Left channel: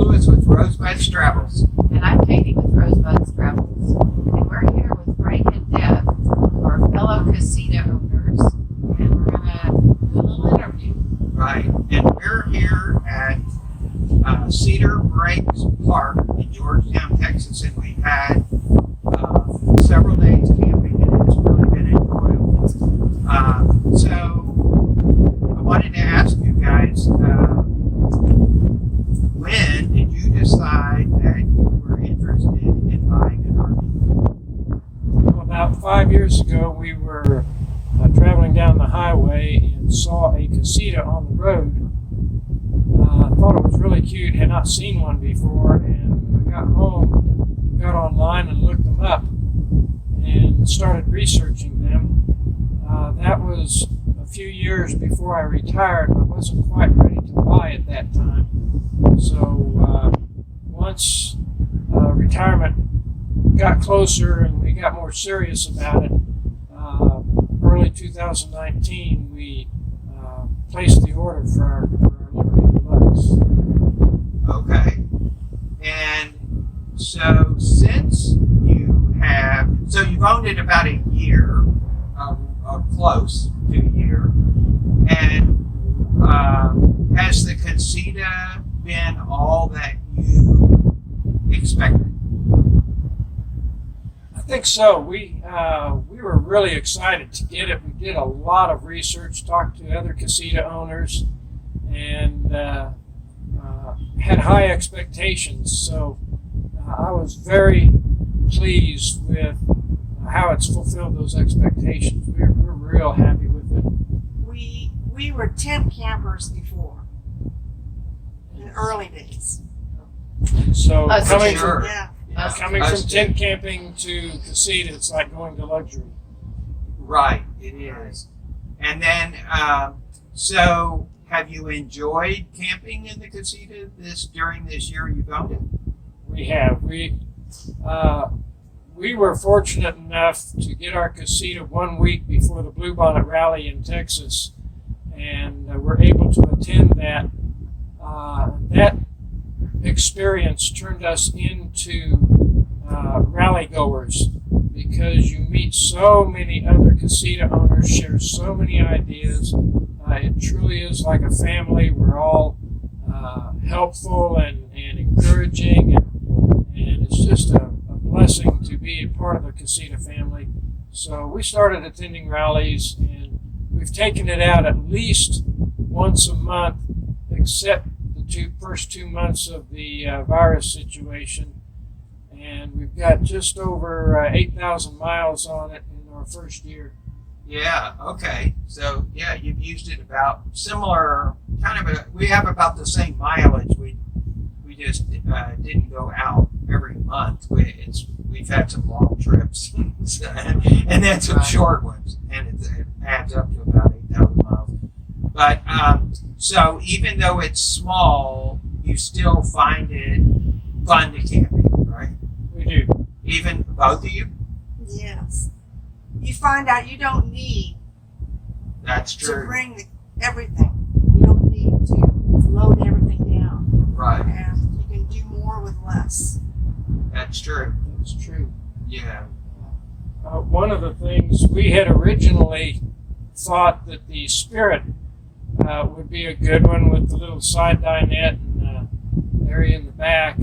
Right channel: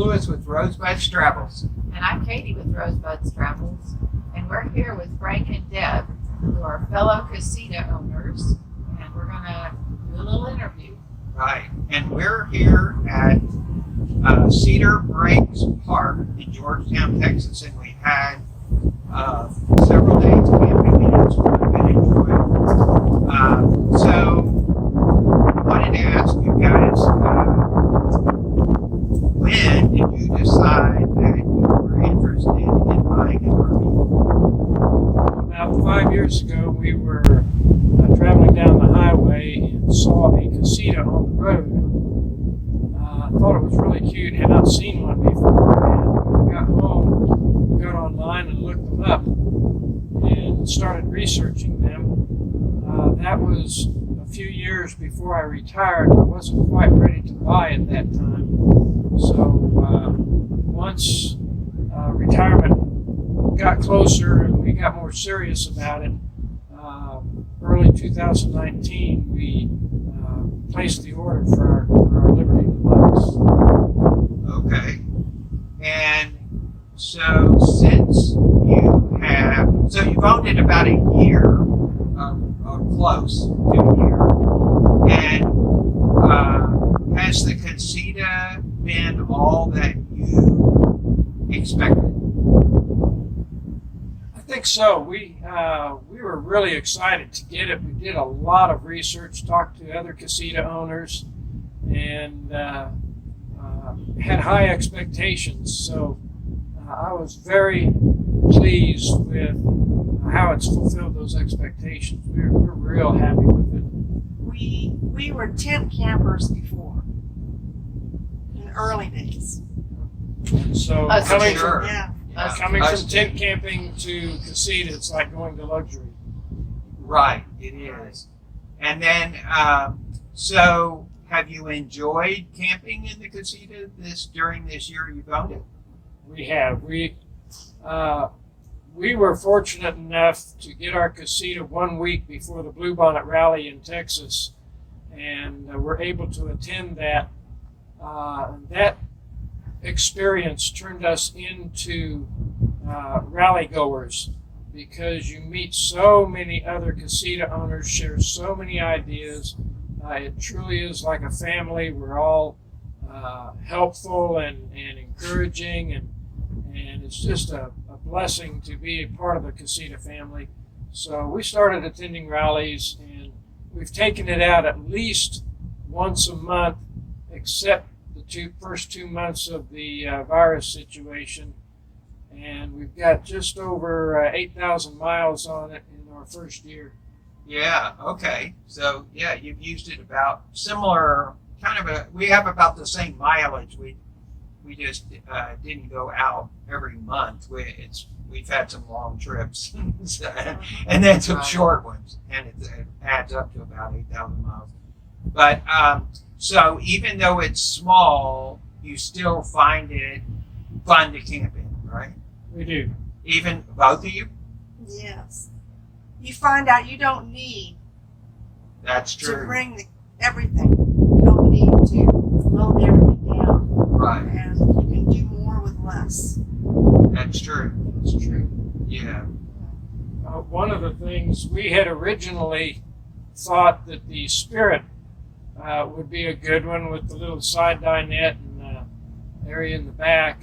Lewis with Rosebud's Travels. And I'm Katie with Rosebud's Travels. And we're here with Frank and Deb, who are fellow casita owners. And we're going to do a little interview. Right. And we're here at Cedar Breaks Park in Georgetown, Texas. And we had several days camping, and it's been enjoyable. So I wanted to ask you guys, when did you decide that you were interested in buying an RV? About 5 years ago, we were traveling down the highway and saw a casita on the road. I thought it was really cute, had not seen one before, and when we got home, got online and looked them up and started researching them. That was a few years before I retired. I wasn't quite ready to buy at that time. So once retirement got closer and we got more serious about it, early 2019 we placed the order for our Liberty Deluxe. Okay. And so since you've owned it about a year, or close to a year, and has the casita been all that you expected? I think so. We were really excited to get it. We did a lot of research, talked to other casita owners, and had high expectations. So I was very pleased with how it's fulfilled those expectations. We're real happy with it. We were tent campers before, in the early days. So That's coming sure. from, Yeah. coming from tent camping to casita, it's like going to luxury. Right, it is. And then, so have you enjoyed camping in the casita during this year you've owned it? We have. We were fortunate enough to get our casita 1 week before the Bluebonnet Rally in Texas, and were able to attend that. That experience turned us into rally goers, because you meet so many other casita owners, share so many ideas. It truly is like a family. We're all helpful and encouraging, and it's just a blessing to be a part of the casita family. So we started attending rallies, and we've taken it out at least once a month, except the first 2 months of the virus situation. And we've got just over 8,000 miles on it in our first year. Yeah, okay. So, yeah, you've used it about similar, we have about the same mileage. We just didn't go out every month. We've had some long trips and then some short ones, and it adds up to about 8,000 miles. But so even though it's small, you still find it fun to camp in, right? We do. Even both of you? Yes. You find out you don't need That's to true. bring everything. You don't need to load everything down. Right. And you can do more with less. That's true. It's true. Yeah. One of the things we had originally thought that the Spirit would be a good one with the little side dinette and area in the back.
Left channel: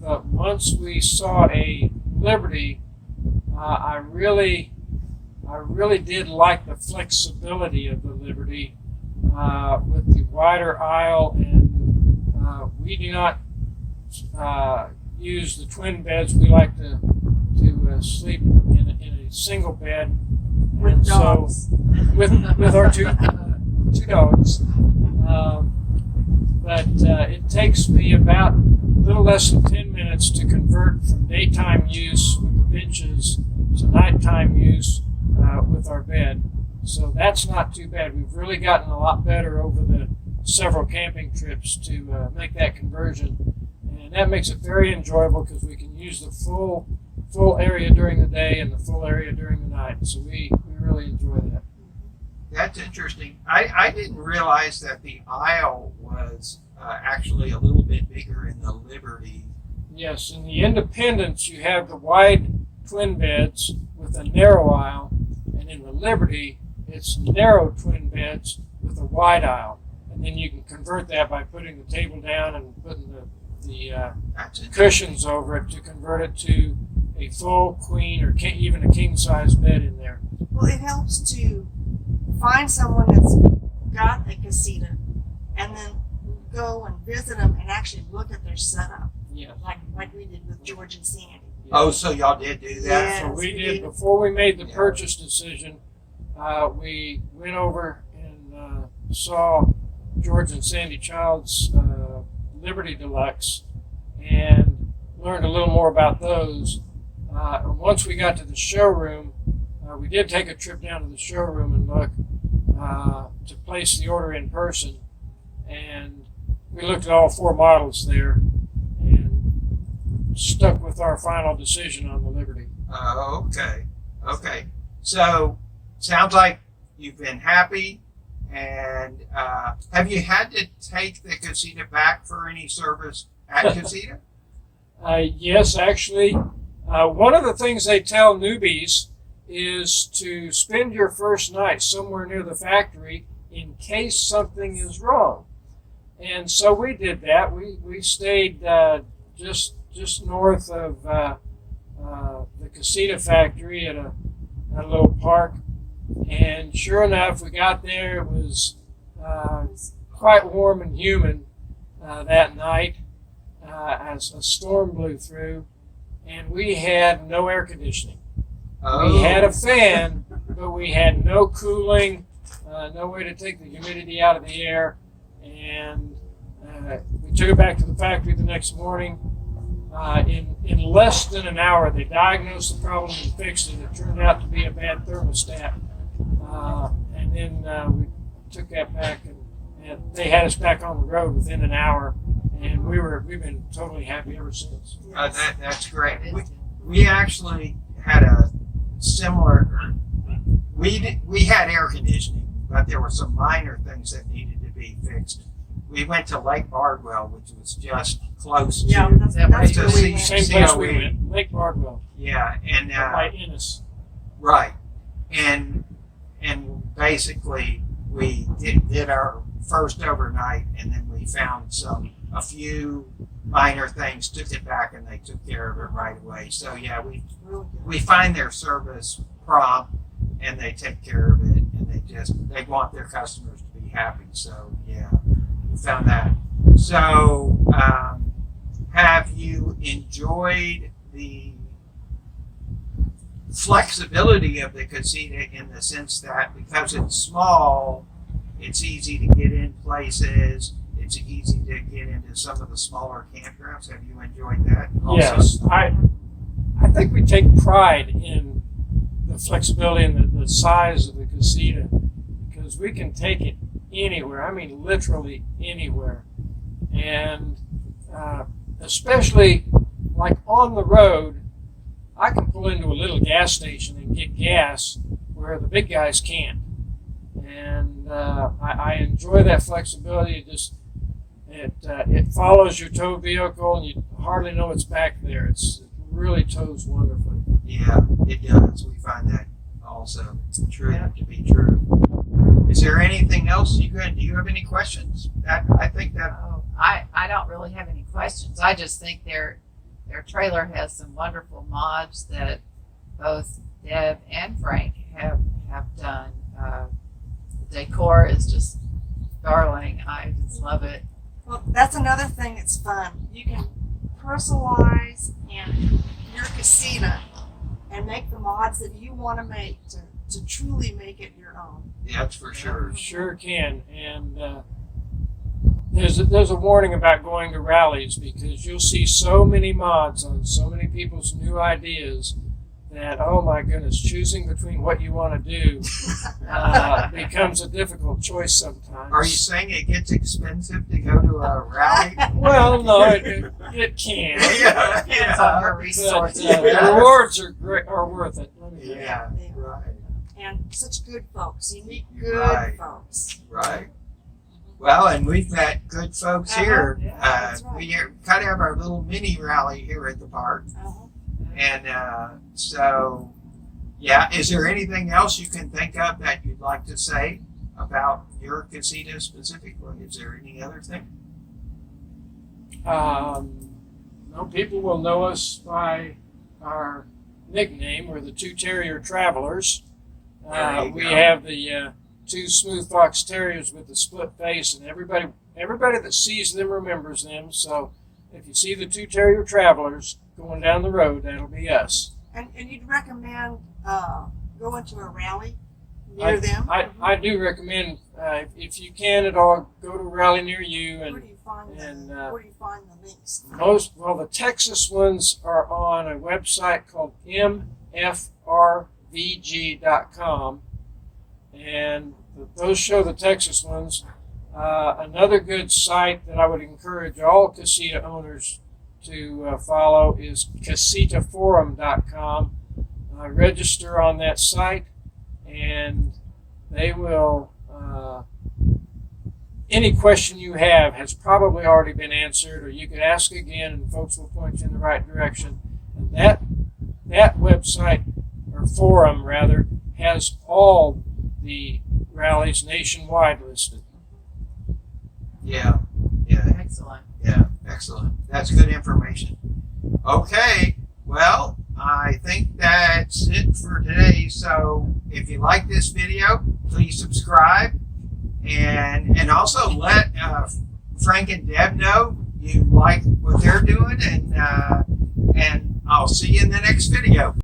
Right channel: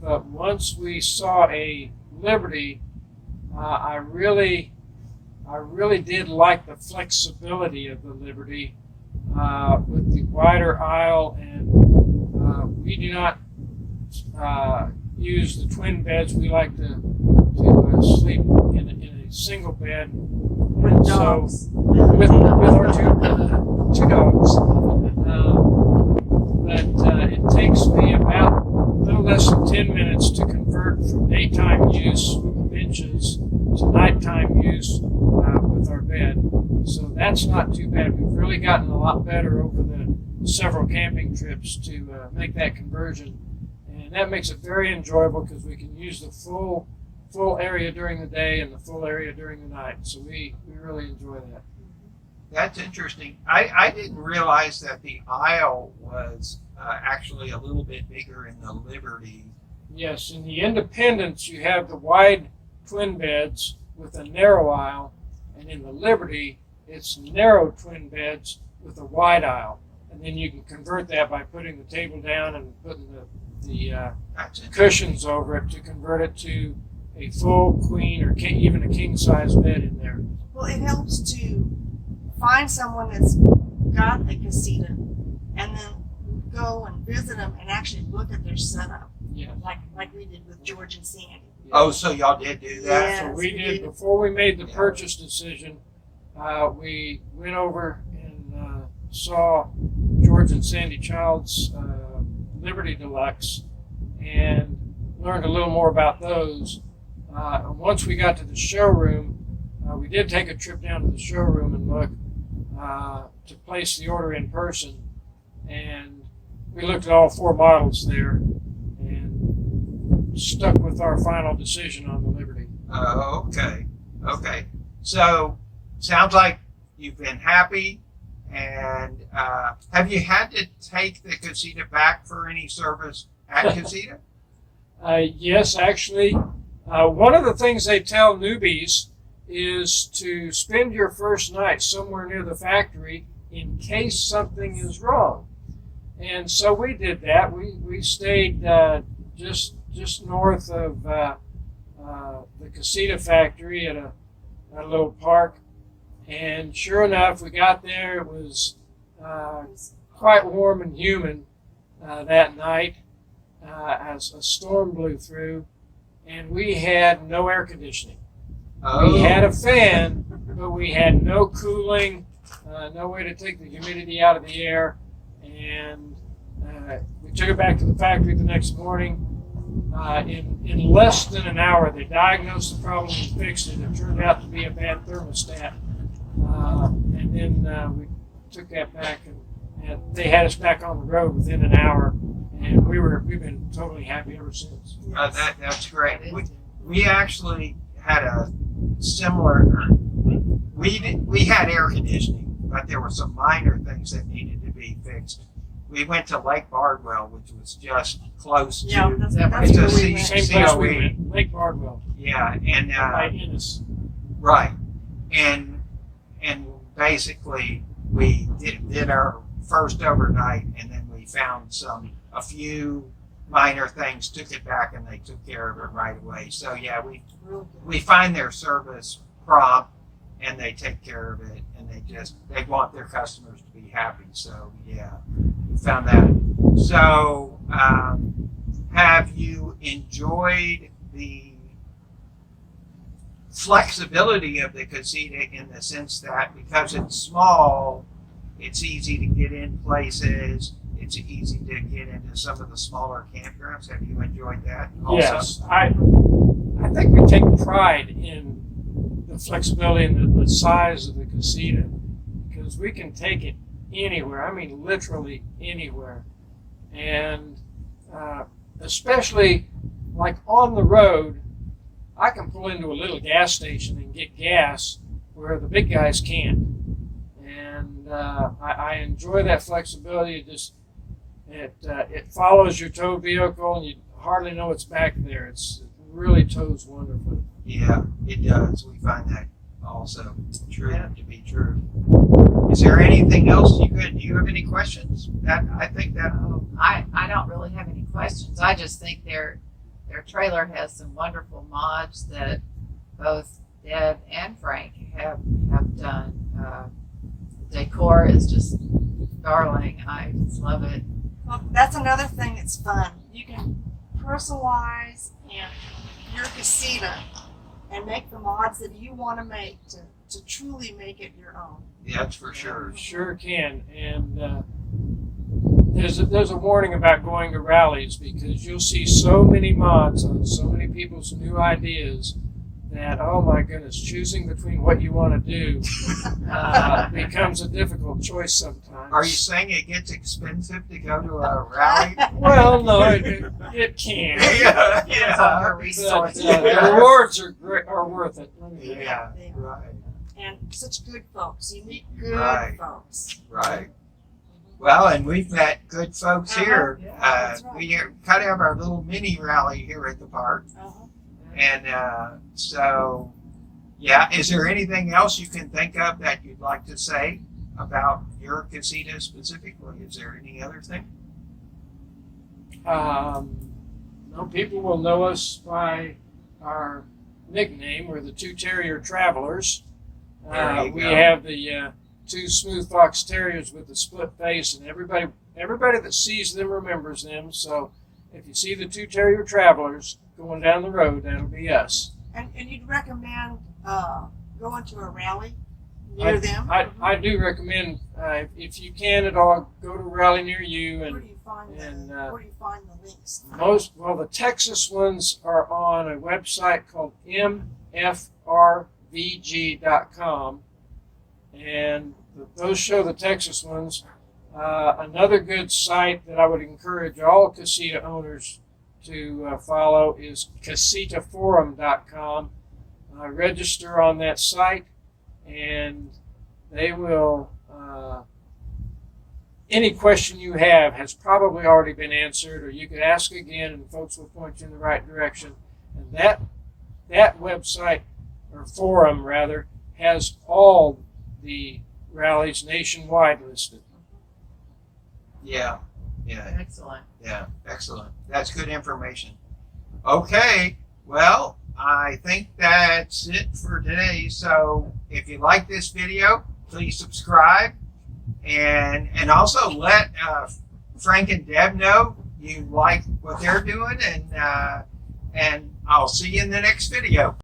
But once we saw a Liberty, I really did like the flexibility of the Liberty with the wider aisle, and we do not use the twin beds. We like to sleep in a single bed With dogs. So, with our two dogs. But it takes me about a little less than 10 minutes to convert from daytime use with the benches to nighttime use with our bed. So that's not too bad. We've really gotten a lot better over the several camping trips to make that conversion. And that makes it very enjoyable, because we can use the full full area during the day and the full area during the night. So we really enjoy that. That's interesting. I didn't realize that the aisle was actually a little bit bigger in the Liberty. Yes, in the Independence, you have the wide twin beds with a narrow aisle, and in the Liberty, it's narrow twin beds with a wide aisle. And then you can convert that by putting the table down and putting the cushions over it to convert it to a full queen or even a king size bed in there. Well, it helps to find someone that's got a casita and then go and visit them and actually look at their setup, Yeah. like we did with George and Sandy. Oh, so y'all did do that? Yeah. So we Yes, we did, did. before we made the Yeah. purchase decision, we went over and saw George and Sandy Child's Liberty Deluxe and learned a little more about those. And once we got to the showroom, we did take a trip down to the showroom and look to place the order in person. And we looked at all 4 models there and stuck with our final decision on the Liberty. Oh, okay. Okay. So, sounds like you've been happy. And have you had to take the Casita back for any service at Casita? Yes, actually, one of the things they tell newbies is to spend your first night somewhere near the factory in case something is wrong. And so we did that. We stayed just north of the Casita factory at a little park. And sure enough, we got there. It was quite warm and humid that night as a storm blew through, and we had no air conditioning. Oh. We had a fan, but we had no cooling, no way to take the humidity out of the air, and we took it back to the factory the next morning. In less than an hour, they diagnosed the problem and fixed it. It turned out to be a bad thermostat. And then we took that back, and they had us back on the road within an hour, and we've been totally happy ever since. That's great. We actually had a similar. We had air conditioning, but there were some minor things that needed to be fixed. We went to Lake Bardwell, which was just close to. Yeah, that's to where we see- went. Same see place how we we- went, Lake Bardwell, Yeah, and by Ennis. right, and basically we did our first overnight, and then we found a few minor things, took it back, and they took care of it right away. So yeah, Really good. we find their service prompt, and they take care of it, and they want their customers to be happy. So yeah, we found that. So have you enjoyed the flexibility of the Casita in the sense that because it's small, it's easy to get in places, it's easy to get into some of the smaller campgrounds? Have you enjoyed that also? Yes, I think we take pride in the flexibility and the size of the Casita because we can take it anywhere. I mean, literally anywhere, and especially like on the road, I can pull into a little gas station and get gas where the big guys can't, and I enjoy that flexibility. It follows your towed vehicle, and you hardly know it's back there. It really tows wonderfully. Yeah, it does. We find that also true to be true. Is there anything else do you have any questions? I think that I don't really have any questions. I just think their trailer has some wonderful mods that both Deb and Frank have done. The decor is just darling. I just love it. Well, that's another thing that's fun. You can personalize and your casita and make the mods that you want to make to truly make it your own. that's for sure. Sure can. And there's a warning about going to rallies because you'll see so many mods on so many people's new ideas that, oh my goodness, choosing between what you want to do becomes a difficult choice sometimes. Are you saying it gets expensive to go to a rally? Well, no, it can. Yeah, Depends on your But, resources. the rewards are worth it. Let me tell you. Yeah, They are. right. and such good folks. You meet good Right. folks. Right. Well, and we've met good folks here. Yeah, that's right. We kind of have our little mini rally here at the park. Uh-huh. And so, yeah, is there anything else you can think of that you'd like to say about your casita specifically? Is there any other thing? No, people will know us by our nickname. We're the Two Terrier Travelers. There you We go. have the two smooth fox terriers with the split face, and everybody that sees them remembers them. So if you see the Two Terrier Travelers going down the road, that'll be us. And you'd recommend going to a rally near them? I do recommend, if you can at all, go to a rally near you. Where And do you find and, where do you find the links? the Texas ones are on a website called mfrvg.com, and those show the Texas ones. Another good site that I would encourage all casita owners to follow is casitaforum.com. Register on that site, and they will. Any question you have has probably already been answered, or you could ask again, and folks will point you in the right direction. And that website, or forum rather, has all the rallies nationwide listed. Yeah. Excellent. Yeah, excellent. That's good information. Okay, well, I think that's it for today. So if you like this video, please subscribe, and also let Frank and Deb know you like what they're doing, and I'll see you in the next video.